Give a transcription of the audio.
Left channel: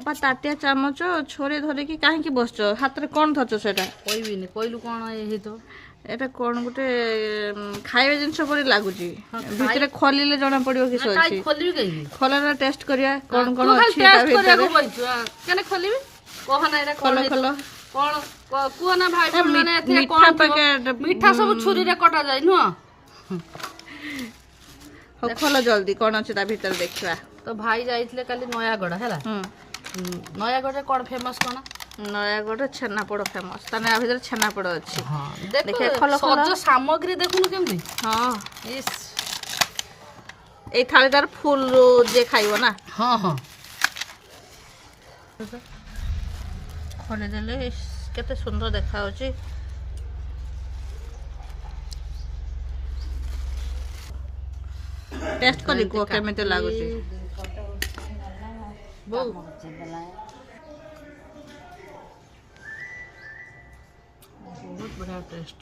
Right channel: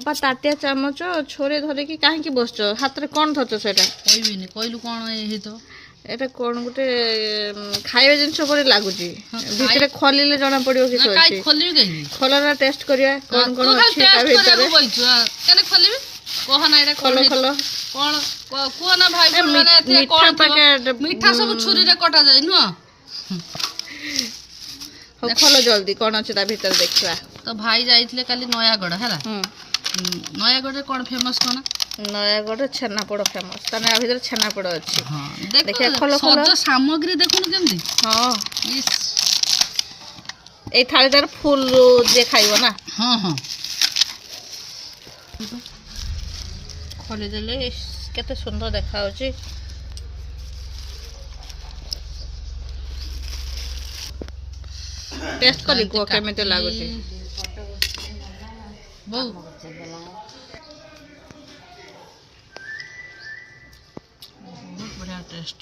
ଅପା ତାଟିଆ ଚାମଚ ଛୁରୀ ଧରିକି କାହିଁକି ବସଛ? ହାତରେ କ'ଣ ଧରିଛ ସେଇଟା? କହିବିନି, କହିଲୁ କ'ଣ ହେଇଥିବ? ଏଇଟା କ'ଣ ଗୋଟେ ଖାଇବା ଜିନିଷ ପରି ଲାଗୁଛି। ଭିତରେ ଖୋଲିଲେ ଜଣା ପଡ଼ିବ କିସ ଅଛି। ଖୋଲିବି କାହିଁକି? ଖୋଲନା ଟେଷ୍ଟ କରିବା କ'ଣ କ'ଣ ଅଛି ତା ଭିତରେ। କେନେ ଖୋଲିବି? କହ ନା ଏଇଟା ଖୋଲ ଖୋଲ। କ'ଣ କୁହ ନା ଭାଇ ମାନେ ମିଠା ପ୍ୟାକେଟ। ମିଠା ସବୁ ଛୁରୀରେ କଟାଯାଏ ନୁହଁ? ହଉ ଖୋଲ ଜଲ୍ଦି, କ'ଣ ଅଛି ତା ଭିତରେ ଦେଖିବା। ତ ଭାଇ ଯାଇଥିଲେ କାଲି ନୟାଗଡ଼ ହେଲା। ନୟାଗଡ଼ରେ କ'ଣ ଫେମସ୍ କ'ଣ? ନୟାଗଡ଼ ଛେନାପୋଡ଼ ଫେମସ୍। ତାହେଲେ ଆ ଭିତରେ ଛେନାପୋଡ଼ ଅଛି। ଦେଖିବା ଖୋଲ ଖୋଲ। ସାମଗ୍ରୀ ଦେଖୁନୁ କେମିତି? ହଁ, ଇସ୍, ଏଇ ଥାଳିଟାର ଫୁଲ୍ ଯିଏ ଖାଇବ ନା। ହଁ ହଁ। ଖୋଲିଦେଲେ କେତେ ସୁନ୍ଦର ଦେଖାଯାଉଛି। ଟେଷ୍ଟ କରି କୁହ କେମିତି ଲାଗୁଛି। ବୋଉ ବହୁତ ବଢ଼ିଆ ଟେଷ୍ଟ।